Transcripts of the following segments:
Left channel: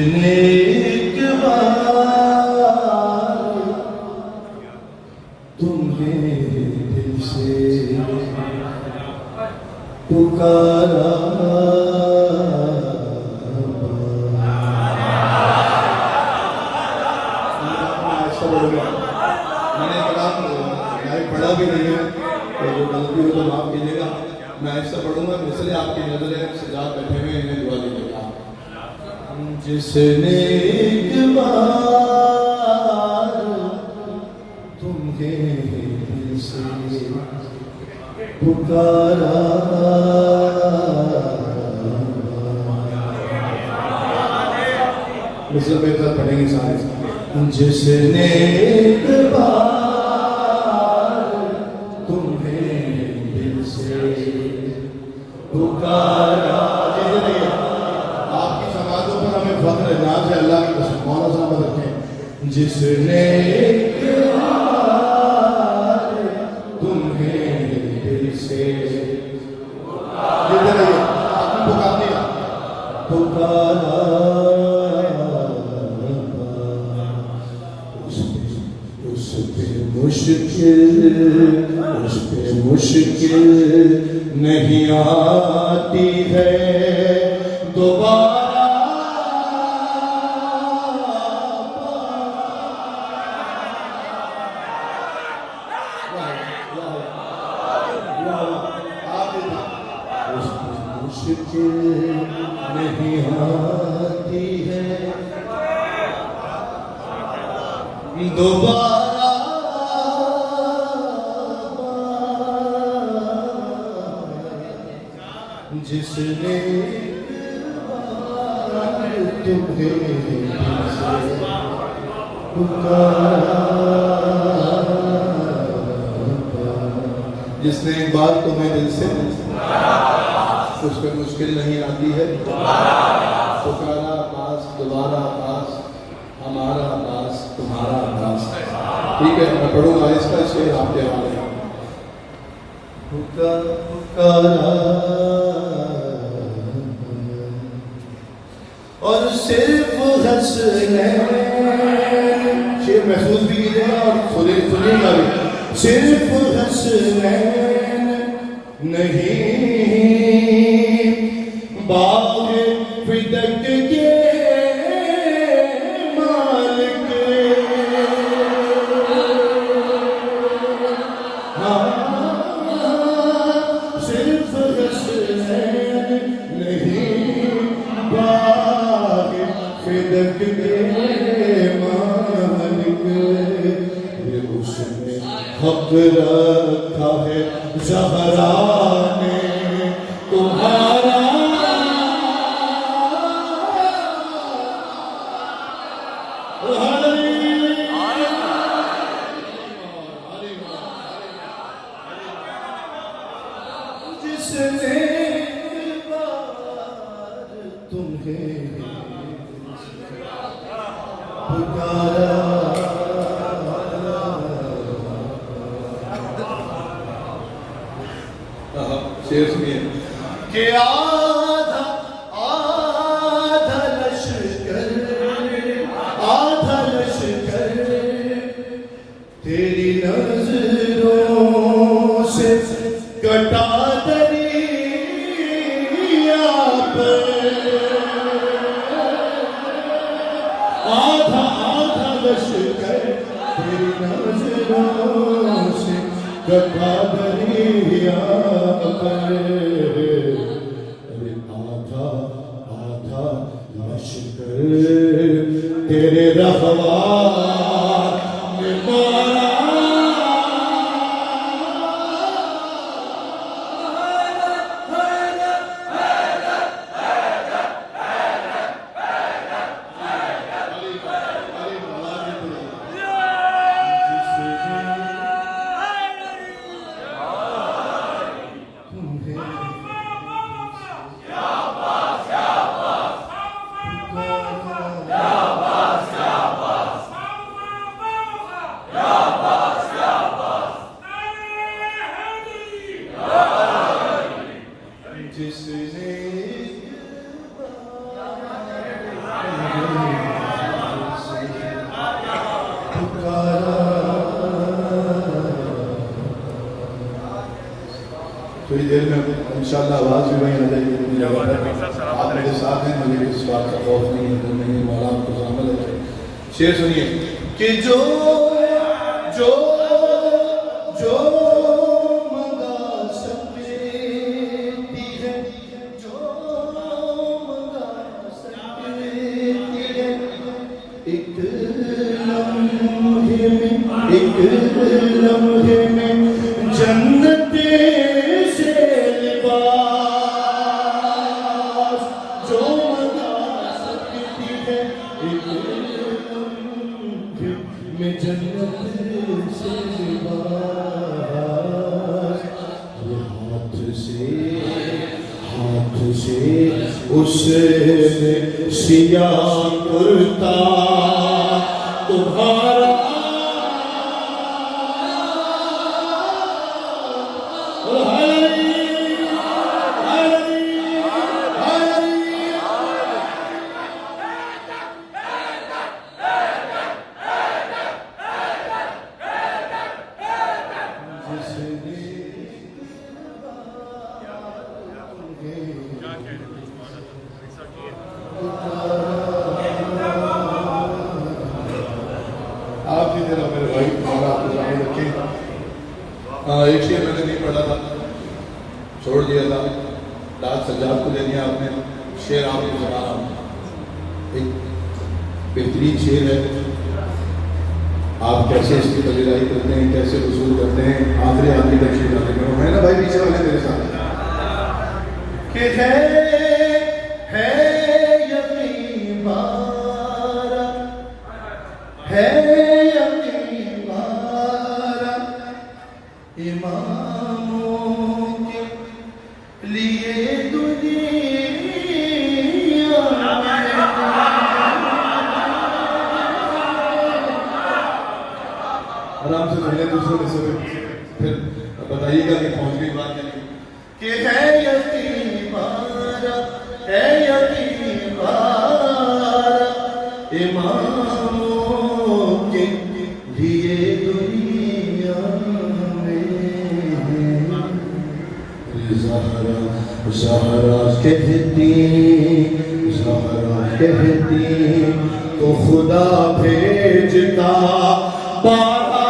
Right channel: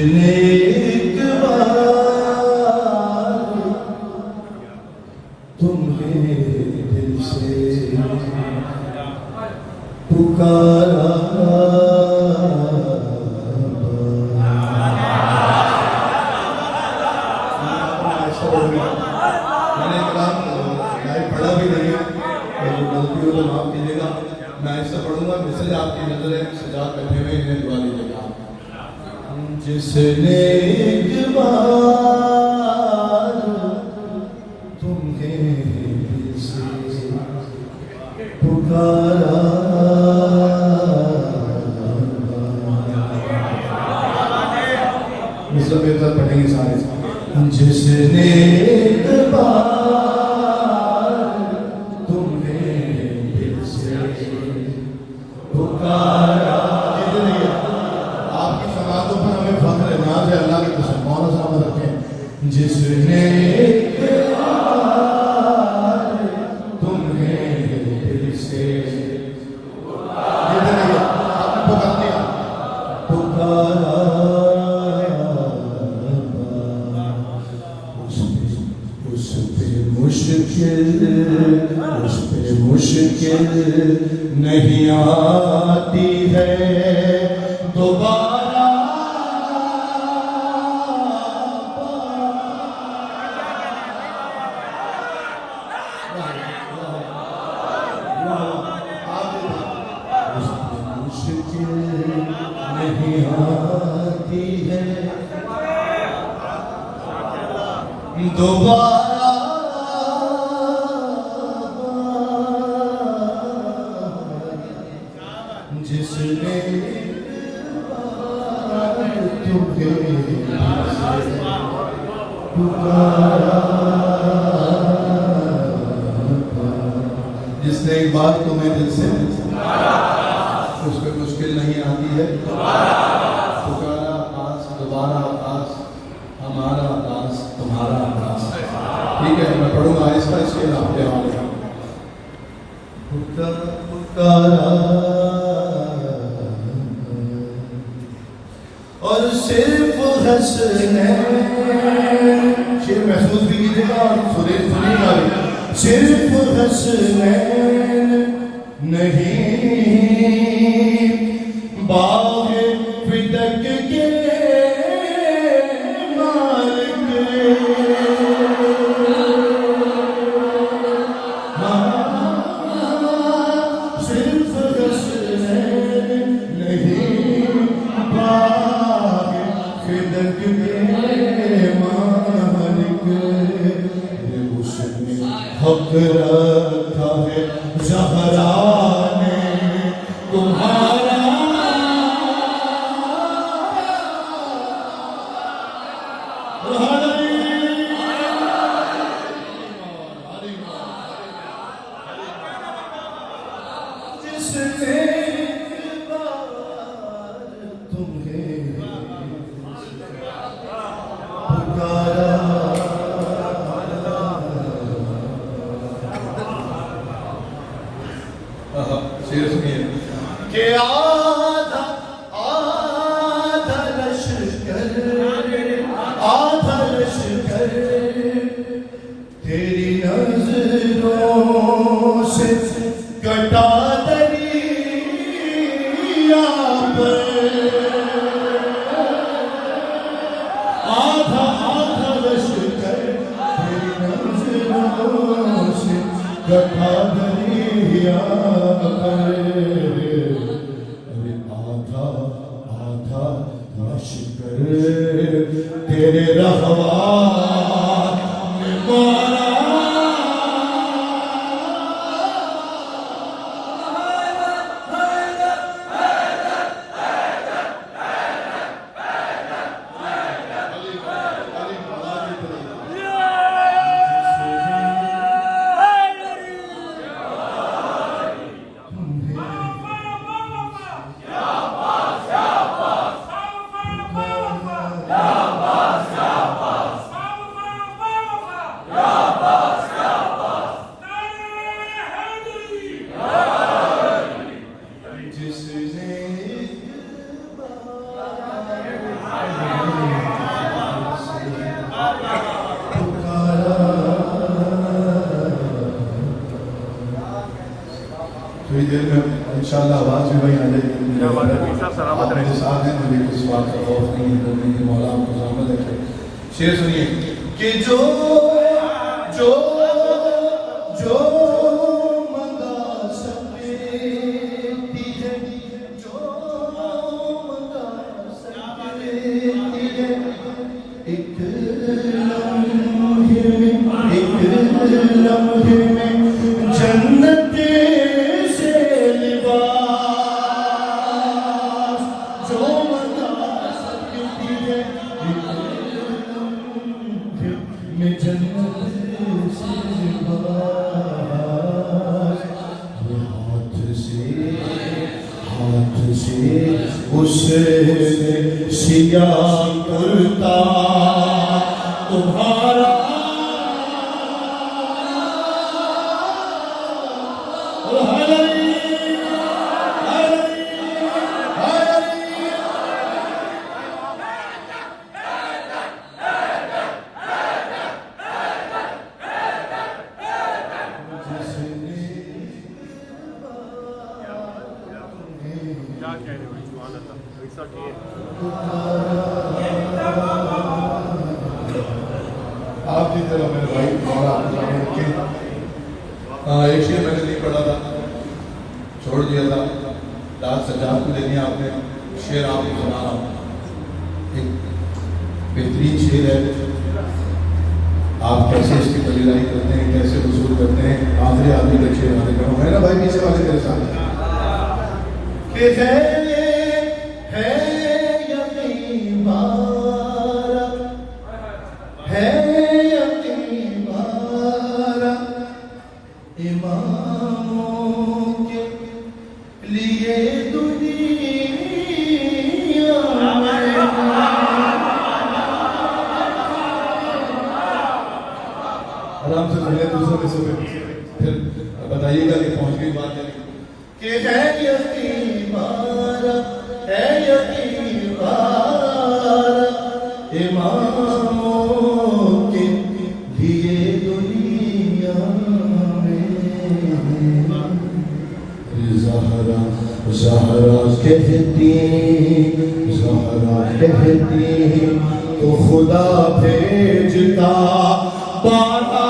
एक बार तुम्हें दिल से पुकारा, मैंने पढ़ा भी नहीं है, तो गलती हो तो माफ कीजिएगा। मैं ऐसा पढ़ूंगा, इसलिए आपकी नजरें सजा बैठे हुए इन्हें दुआ दीजिएगा। जिसने एक बार तुम्हें दिल से पुकारा, मिसल बेहतर पढ़ेंगे सारे। जिसने एक बार तुम्हें दिल से पुकारा, आपकी समाजों पर हमें फख्र है, नाज है, अल्लाह की कसम मौला सलाम रखें। जिसने एक बार तुम्हें दिल से पुकारा, उस पे मुश्किल नहीं आती है दोबारा। मुश्किल नहीं आती है दोबारा। जिसने जिसने एक बात तुम्हें दिल से उस पर मुश्किल नहीं आती है पुकारा आकाश, दोबारा आकाश, हमारा आकाश, तुम्हारा आकाश। ठीक है, मैं पढ़ूंगा इसका शेर आपके हवाले। पुकारा और सिर्फ हंसने, शेर महसूस भी कीजिएगा और सुनिएगा भी। सिर्फ हंसने नहीं बाग फिदक के मालिक, सिर्फ हंसने नहीं बाग फिदक के मालिक। उसने हक रखा है ज़हरा ने तुम्हारा, जिसने तुम्हें पुकारा। शेर सुनिए कि आधा लश्कर तेरी नजरों से कटा दरिया पर, आधा लश्कर तेरी नजरों से कटा दरिया पर। आधा लश्कर तेरे रहवा में मारा, इंशाल्लाह आवाज भी वही आ जाएगी। आप मेरे साथ हैं, मुझे किस बात का खौफ नहीं है, तो नहीं मौला को सामने रखे। शेर सुनिए कि जो जो जो मंगा सकती है, जो मंगा सकती है, एक लम्हे में जन्नत से लिबास जो मंगा सकती है, एक लम्हे में जन्नत से लिबास। हाथ से उसने सिया करता तुम्हारा आप जी जरा मेरे भाई और आपको जाने रखे। एक शेर मैंने नहीं पढ़ा था, छोड़ दिया था, दाद सजाद को दे दिया आपने। शेर आपने सुनाना, एक बेहतरीन शेर है। आप कैसे इसकी बजिदारी करते हैं, कैसे वसूल करते हैं, आखिरी आदमी तक शेर आने का है ना भाई, पीछे वाले मेरे साथ कि है यकीन बारा, है यकीन बारा इमामों के लिए दुनिया आराम से सुनिए, दूसरों के सुनिए, फिर बताइएगा कि पहुंच गई बात या नहीं। कि है यकीन बारा, है यकीन बारा इमामों के लिए दुनिया में। ज़हरा ज़हरा कहती, ज़हरा कहती तो खुदा भेजता बारा।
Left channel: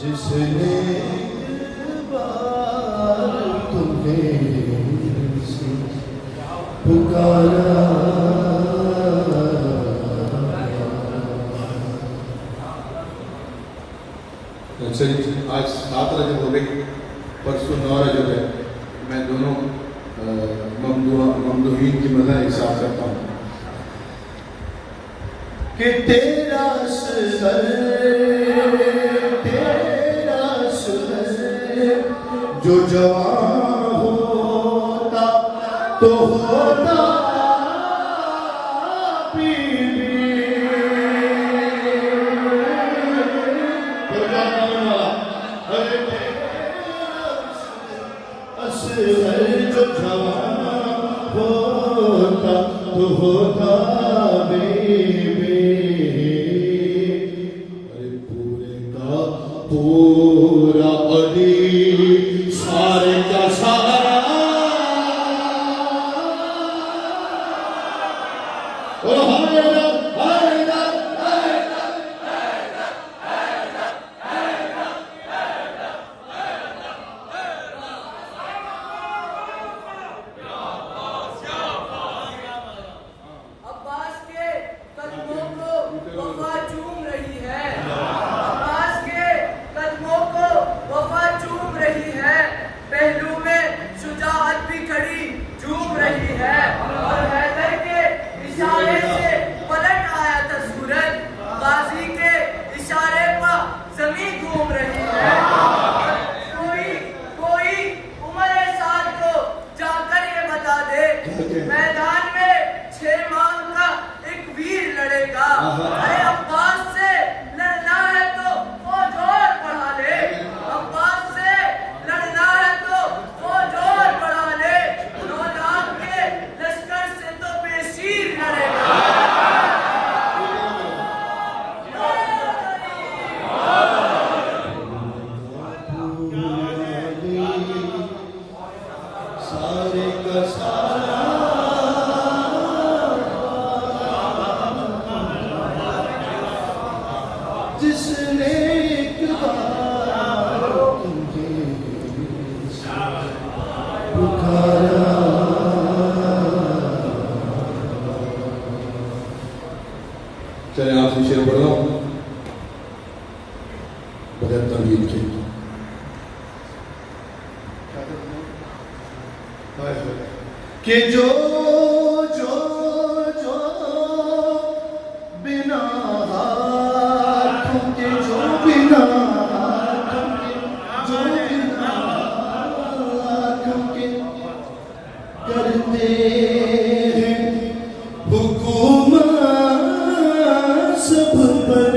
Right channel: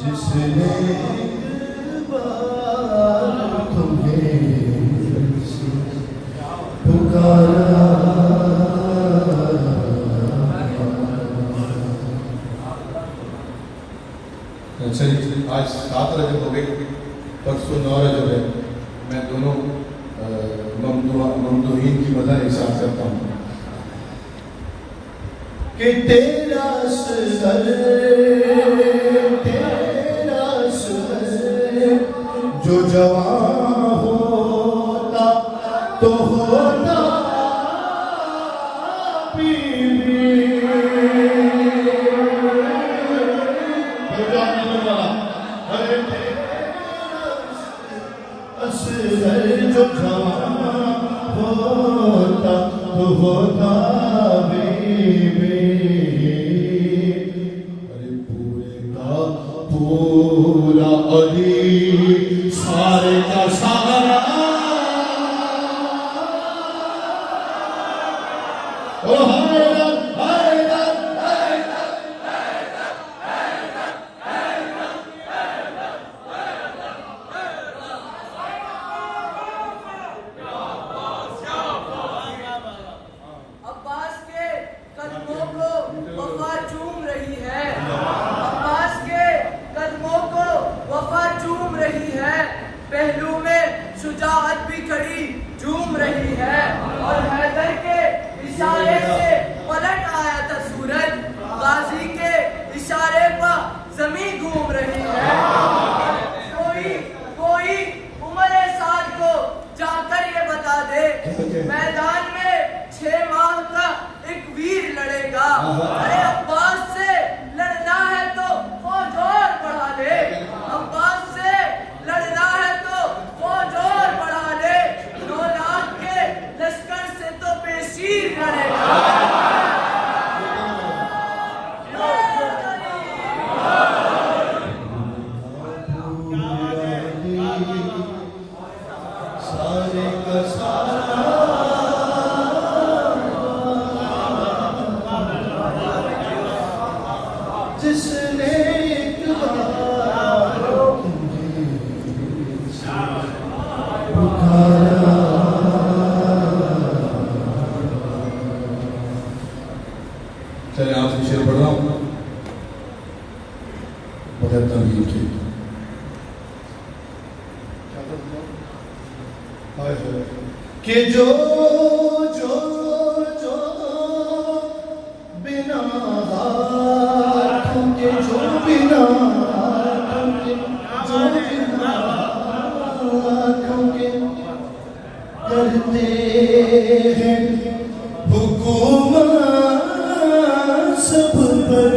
जिसने तुम्हें पुकारा। अच्छा जी, आज 7 रजब हो गई, परसों 9 रजब है। मैं दोनों ममदूहीन की मदद हिसाब करता हूँ कि तेरा सर जो जवान होता तो होता जो जवान होता तो होता पूरा अली सारे जिसने एक बार तुम्हें पुकारा। चले आपसे शेर पढ़ रहा हूं बगैर तवील के। कि जो जो जो बिना हाथों के, जो बिना हाथों के, जो बिना हाथों के करते हैं हुकूमत सब पर,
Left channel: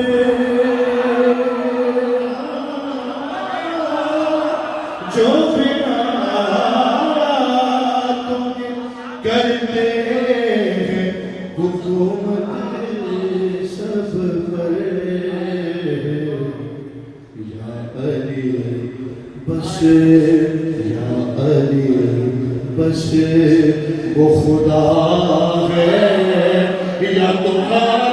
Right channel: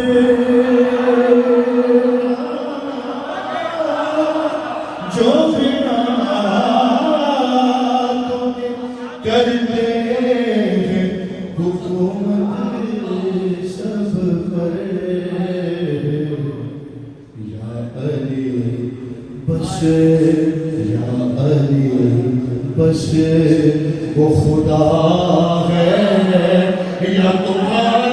जो बिना हाथों के करते हैं हुकूमत सब पर। या अली बस, या अली बस वो खुदा है या तुम्हारा